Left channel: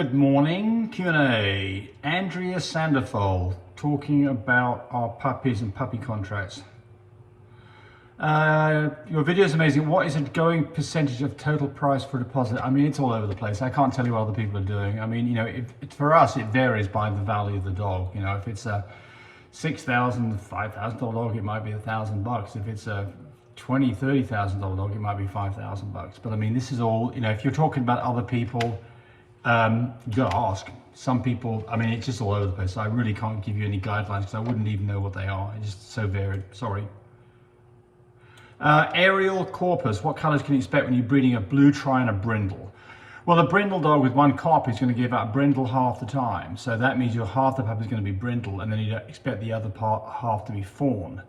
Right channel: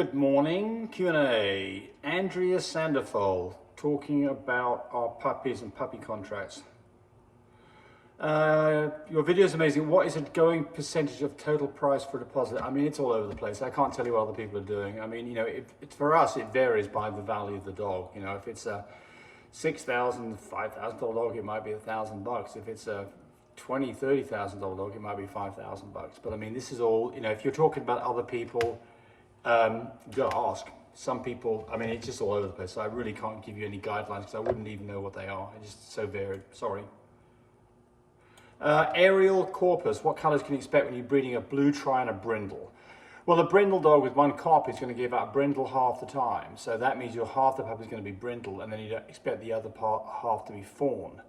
Good morning, Q&A. Andrea Sanderfold talking about our puppies and puppy contracts. Your video is amazing. What is a going percentage of total price for a deposit? I mean, it's all over the place. I can't tell you what other people are doing. I mean, you know, for us, it varies by the value of the dog. You know, if it's a $6,000, $5,000 dog, it might be $1,000. If it's a $20,000, $30,000 dog, it might be $5,000. But I mean, this is all, you know, if you're talking about other people, you gotta ask. Some people, I mean, it's just all over the place. So I really can't give you any guidelines because I wouldn't even know what they are. It's just so varied. Sorry. Aerial corpus. What colors can you expect when you're breeding a blue tri and a brindle? Well, a brindle dog with one carp is going to give out brindle half the time. So that means your half the puppy is going to be brindle, and then you expect the other half to be fawn.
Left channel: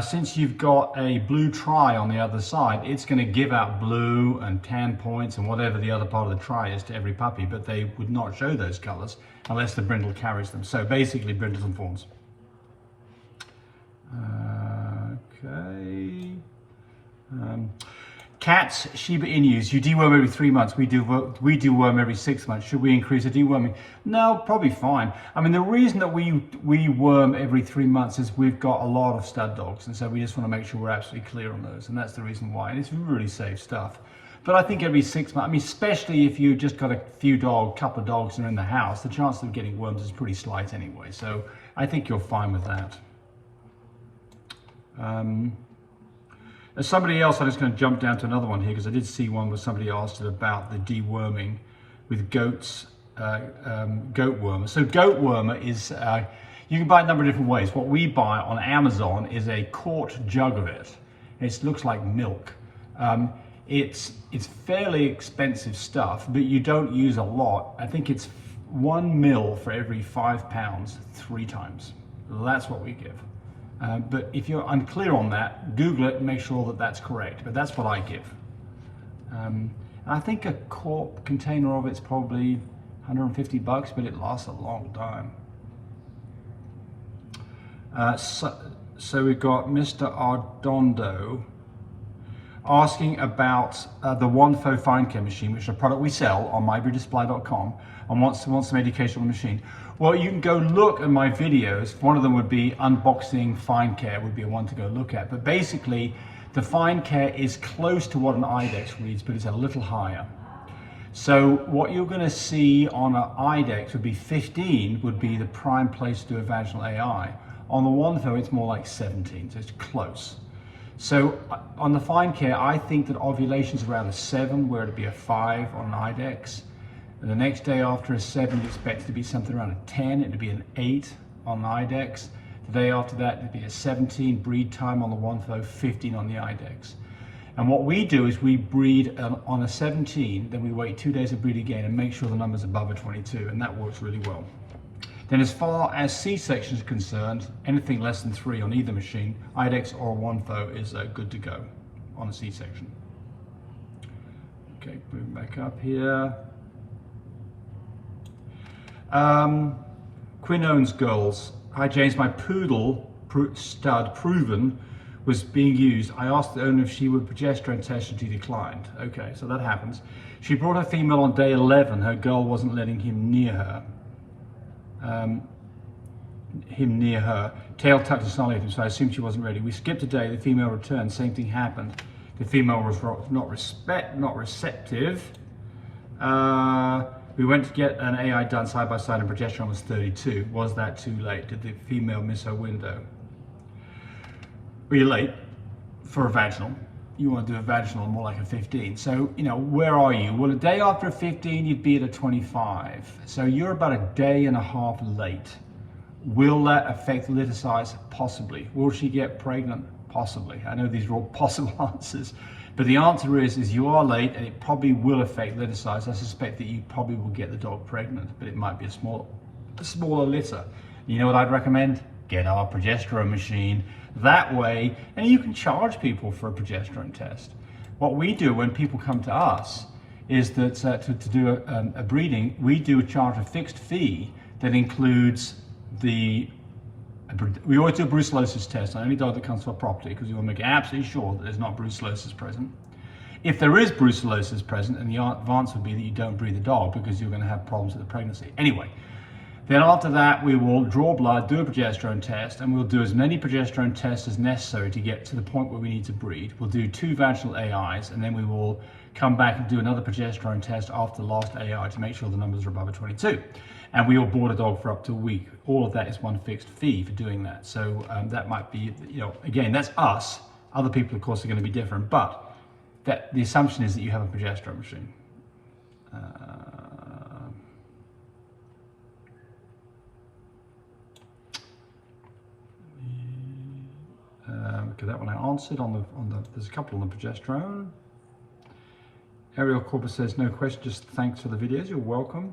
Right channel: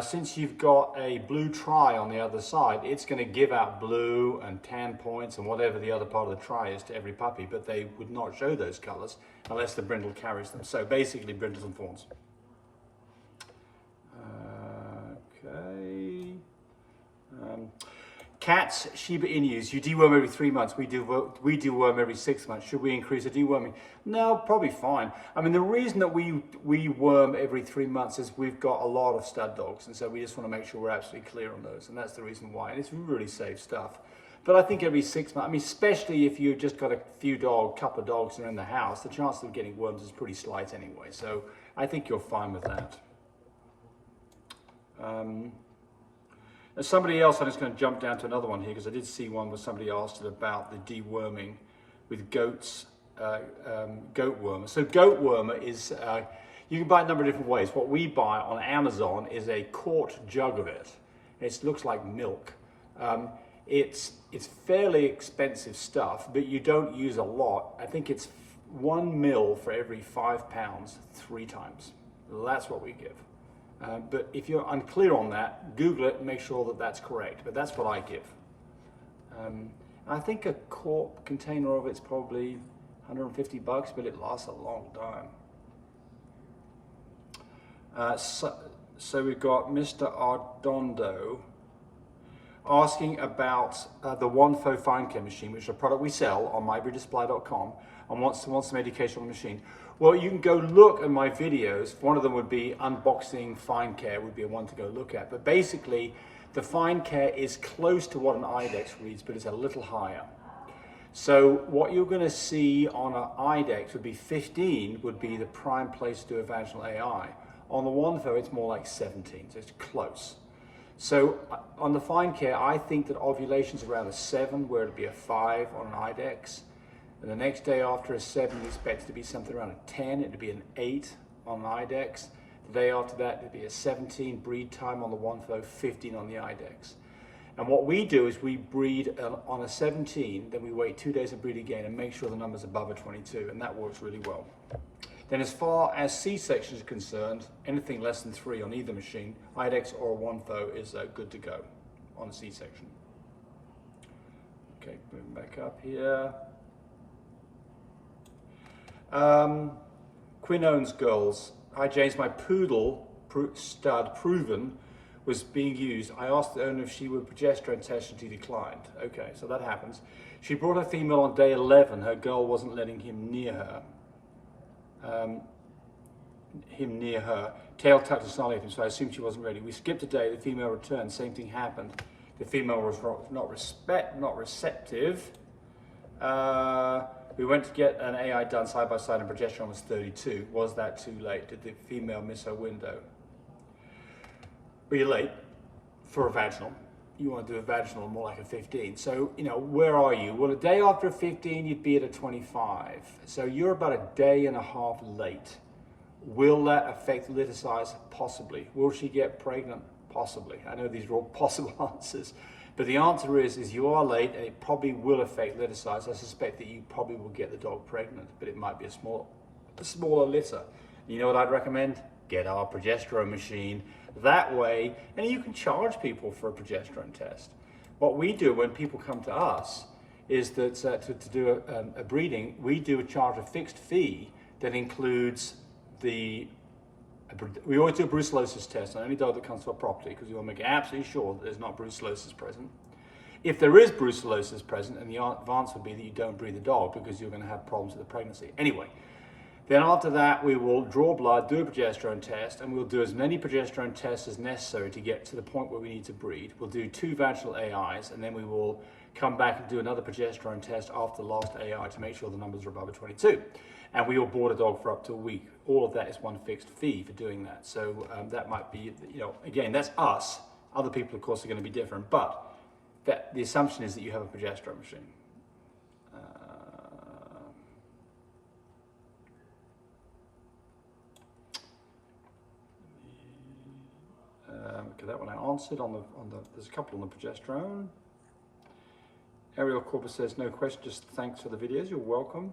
Since you've got a blue tri on the other side, it's going to give out blue and tan points and whatever the other part of the tri is to every puppy, but they would not show those colors unless the brindle carries them. So basically brindles and fawns. Okay. Cats, Shiba Inus, you deworm every 3 months. We deworm every 6 months. Should we increase the deworming? No, probably fine. I mean, the reason that we worm every 3 months is we've got a lot of stud dogs, and so we just want to make sure we're absolutely clear on those, and that's the reason why. And it's really safe stuff. But I think every 6 months, I mean, especially if you've just got a couple of dogs and are in the house, the chance of getting worms is pretty slight anyway. So I think you're fine with that. There's somebody else, I'm just going to jump down to another one here because I did see one where somebody asked about the deworming with goats, goat wormer. So goat wormer is, you can buy it a number of different ways. What we buy on Amazon is a quart jug of it. It looks like milk. It's fairly expensive stuff, but you don't use a lot. I think it's 1 ml for every 5 pounds 3 times. That's what we give. But if you're unclear on that, Google it and make sure that that's correct. But that's what I give. I think a quart container of it's probably $150, but it lasts a long time. So we've got Mr. Ardondo asking about the Wonfo fine care machine, which is a product we sell on mybreedersupply.com, and wants some education on the machine. Well, you can go look at my videos. One of them would be unboxing fine care, would be one to go look at. But basically, the fine care is close to what an IDEX reads, but it's a little higher. So what you're going to see on an IDEX would be 15, would be the prime place to do a vaginal AI. On the Wonfo, it's more like 17, so it's close. So on the fine care, I think that ovulation's around a 7, where it'd be a 5 on an IDEX. And the next day after a 7, you expect it to be something around a 10, it'd be an 8 on the IDEX. The day after that, it'd be a 17 breed time on the Wonfo, 15 on the IDEX. And what we do is we breed on a 17, then we wait 2 days and breed again and make sure the number's above a 22, and that works really well. Then as far as C-section is concerned, anything less than 3 on either machine, IDEX or Wonfo, is good to go on a C-section. Okay, moving back up here. Quinn owns girls. Hi James, my poodle stud proven was being used. I asked the owner if she would progesterone test and she declined. Okay, so that happens. She brought her female on day 11. Her girl wasn't letting him near her. Tail tucked and snarling at him, so I assumed she wasn't ready. We skipped a day, the female returned, same thing happened. The female was not receptive. We went to get an AI done side by side and progesterone was 32. Was that too late? Did the female miss her window? Well, you're late for a vaginal. You want to do a vaginal more like a 15. So, you know, where are you? Well, a day after a 15, you'd be at a 25. So you're about a day and a half late. Will that affect litter size? Possibly. Will she get pregnant? Possibly. I know these are all possible answers. But the answer is you are late and it probably will affect litter size. I suspect that you probably will get the dog pregnant, but it might be a smaller litter. You know what I'd recommend? Get our progesterone machine. That way, and you can charge people for a progesterone test. What we do when people come to us is that to do a breeding, we do charge a fixed fee that includes we always do a brucellosis test on any dog that comes to our property because we want to make absolutely sure that there's not brucellosis present. If there is brucellosis present, and the advance would be that you don't breed the dog because you're going to have problems with the pregnancy. Anyway, then after that, we will draw blood, do a progesterone test, and we'll do as many progesterone tests as necessary to get to the point where we need to breed. We'll do 2 vaginal AIs, and then we will come back and do another progesterone test after the last AI to make sure the numbers are above a 22. And we will board a dog for up to a week. All of that is one fixed fee for doing that. So that might be, again, that's us. Other people, of course, are going to be different, but the assumption is that you have a progesterone machine. Okay, that one I answered there's a couple on the progesterone. Ariel Corpus says, no question, just thanks for the videos, you're welcome.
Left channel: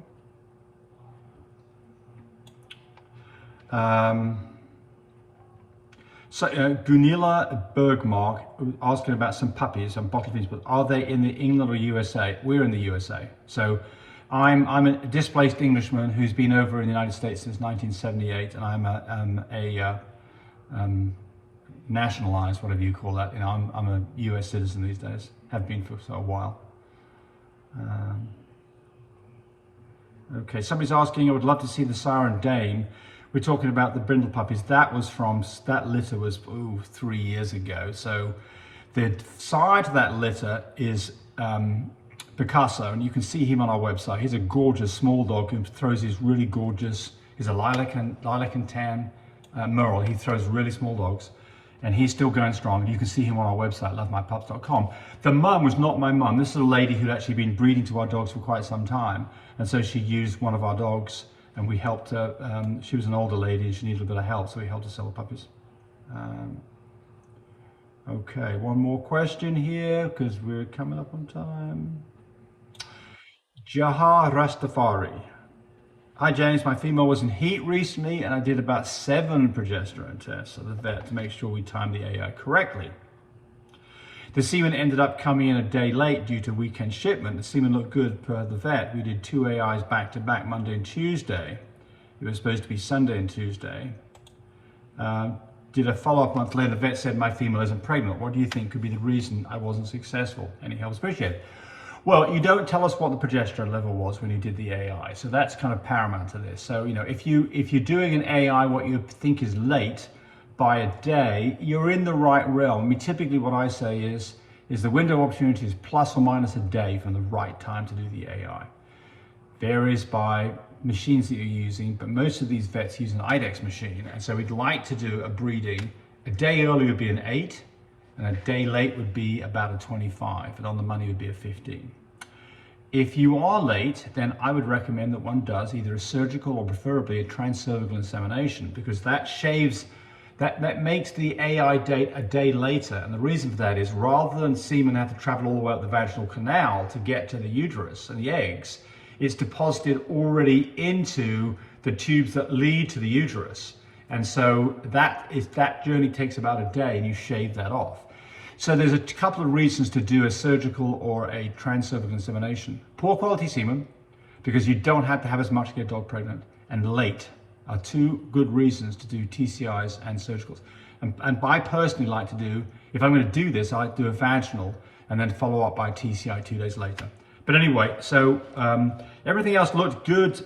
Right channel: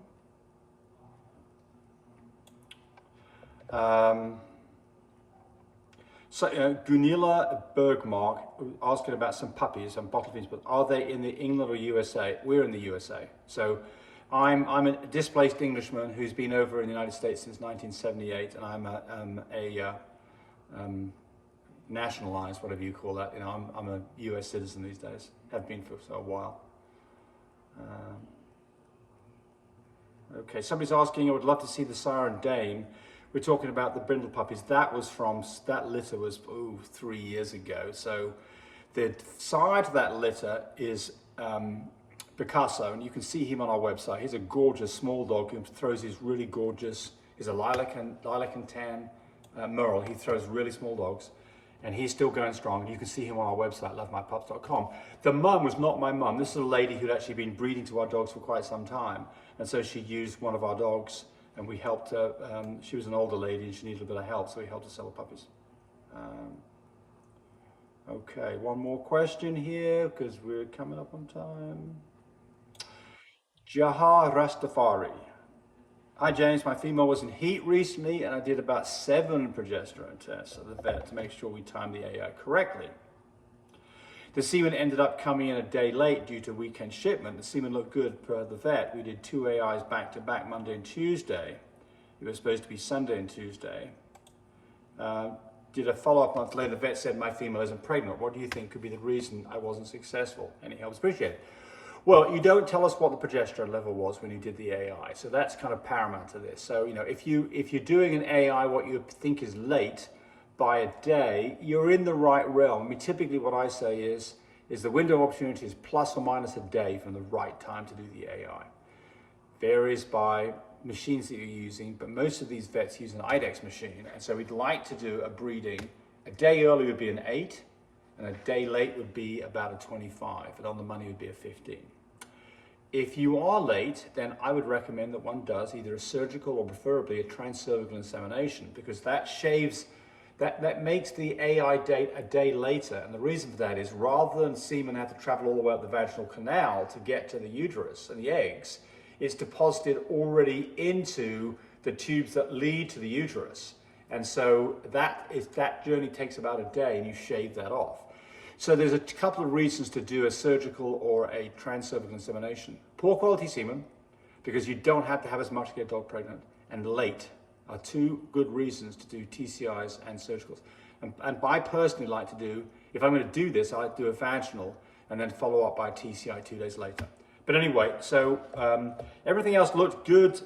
Gunilla Bergmark asking about some puppies, some bottle feeds, but are they in the England or USA? We're in the USA. So I'm a displaced Englishman who's been over in the United States since 1978, and I'm a nationalized, whatever you call that. I'm a US citizen these days, have been for a while. Okay, somebody's asking, I would love to see the Siren Dame. We're talking about the Brindle puppies. That litter was 3 years ago. So the side to that litter is Picasso, and you can see him on our website. He's a gorgeous small dog who throws these really gorgeous, he's a lilac and tan Merle. He throws really small dogs, and he's still going strong. And you can see him on our website, lovemypups.com. The mum was not my mum. This is a lady who'd actually been breeding to our dogs for quite some time. And so she used one of our dogs, and we helped her. She was an older lady and she needed a bit of help, so we helped her sell the puppies. Okay, one more question here because we're coming up on time. Jahar Rastafari. Hi James, my female was in heat recently and I did about 7 progesterone tests at the vet to make sure we timed the AI correctly. The semen ended up coming in a day late due to weekend shipment. The semen looked good per the vet. We did 2 AIs back to back, Monday and Tuesday. It was supposed to be Sunday and Tuesday. Did a follow-up month later. The vet said my female isn't pregnant. What do you think could be the reason I wasn't successful? Any help? Appreciate it. Well, you don't tell us what the progesterone level was when you did the AI, so that's kind of paramount to this. So, if you're doing an AI what you think is late by a day, you're in the right realm. I mean, typically what I say is the window of opportunity is plus or minus a day from the right time to do the AI. Varies by machines that you're using, but most of these vets use an IDEX machine, and so we'd like to do a breeding. A day early would be an 8, and a day late would be about a 25, and on the money would be a 15. If you are late, then I would recommend that one does either a surgical or preferably a transcervical insemination, because that shaves, that makes the AI date a day later. And the reason for that is rather than semen have to travel all the way up the vaginal canal to get to the uterus and the eggs, it's deposited already into the tubes that lead to the uterus. And so that journey takes about a day, and you shave that off. So there's a couple of reasons to do a surgical or a transcervical insemination. Poor quality semen, because you don't have to have as much to get a dog pregnant, and late are 2 good reasons to do TCIs and surgicals. And I personally like to do, if I'm going to do this, I like to do a vaginal and then follow up by TCI 2 days later. But anyway, so everything else looked good,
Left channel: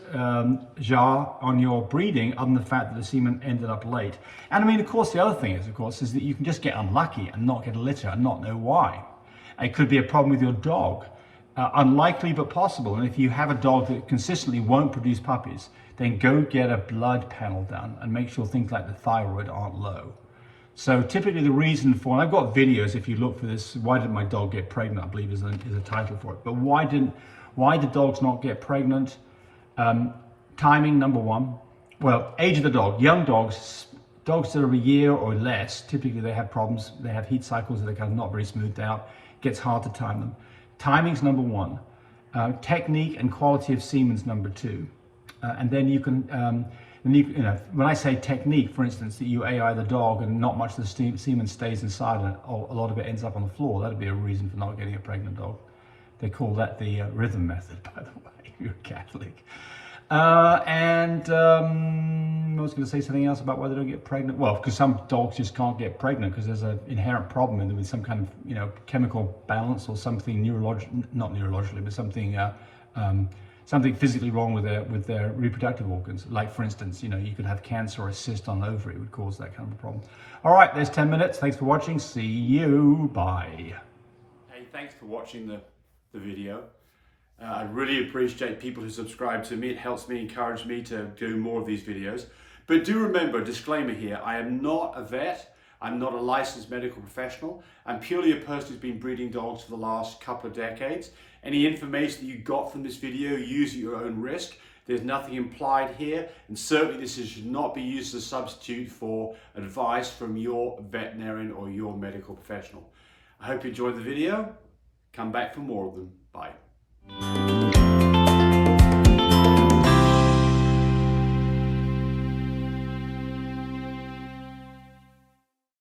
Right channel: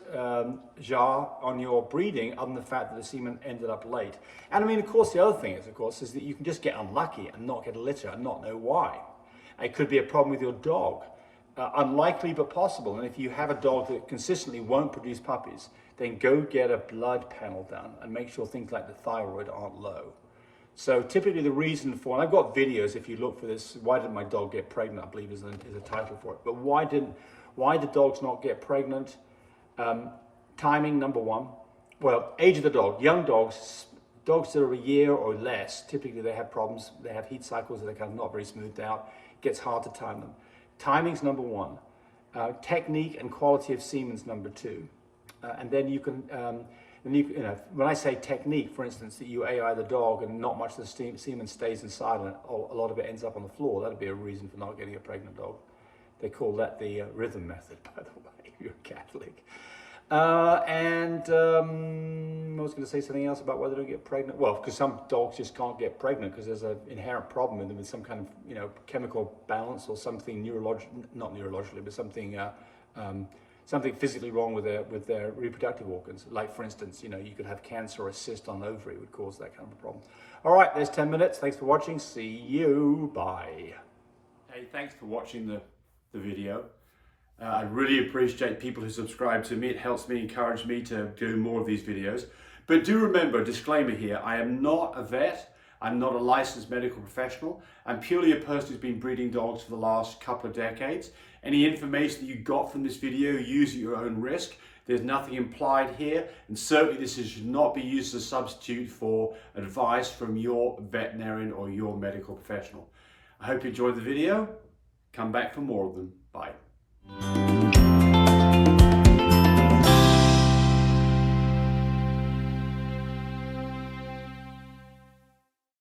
Jar, on your breeding, other than the fact that the semen ended up late. And I mean, of course, the other thing is that you can just get unlucky and not get a litter and not know why. It could be a problem with your dog. Unlikely, but possible. And if you have a dog that consistently won't produce puppies, then go get a blood panel done and make sure things like the thyroid aren't low. So typically the reason for, and I've got videos if you look for this, why did my dog get pregnant, I believe is a title for it. But why did dogs not get pregnant? Timing, number 1. Well, age of the dog. Young dogs that are a year or less, typically they have problems. They have heat cycles that are kind of not very smoothed out. It gets hard to time them. Timing's number 1. Technique and quality of semen's number 2. And then you can, when I say technique, for instance, that you AI the dog and not much of the semen stays inside and a lot of it ends up on the floor, that'd be a reason for not getting a pregnant dog. They call that the rhythm method, by the way, if you're a Catholic. I was going to say something else about why they don't get pregnant. Well, because some dogs just can't get pregnant because there's an inherent problem in them with some kind of, you know, chemical balance or something not neurologically, but something something physically wrong with their reproductive organs. Like, for instance, you know, you could have cancer or a cyst on an ovary would cause that kind of a problem. All right, there's 10 minutes. Thanks for watching. See you. Bye. Hey, thanks for watching the video. I really appreciate people who subscribe to me. It helps me, encourage me to do more of these videos. But do remember, disclaimer here, I am not a vet. I'm not a licensed medical professional. I'm purely a person who's been breeding dogs for the last couple of decades. Any information that you got from this video, use at your own risk. There's nothing implied here, and certainly this should not be used as a substitute for advice from your veterinarian or your medical professional. I hope you enjoyed the video. Come back for more of them. Bye.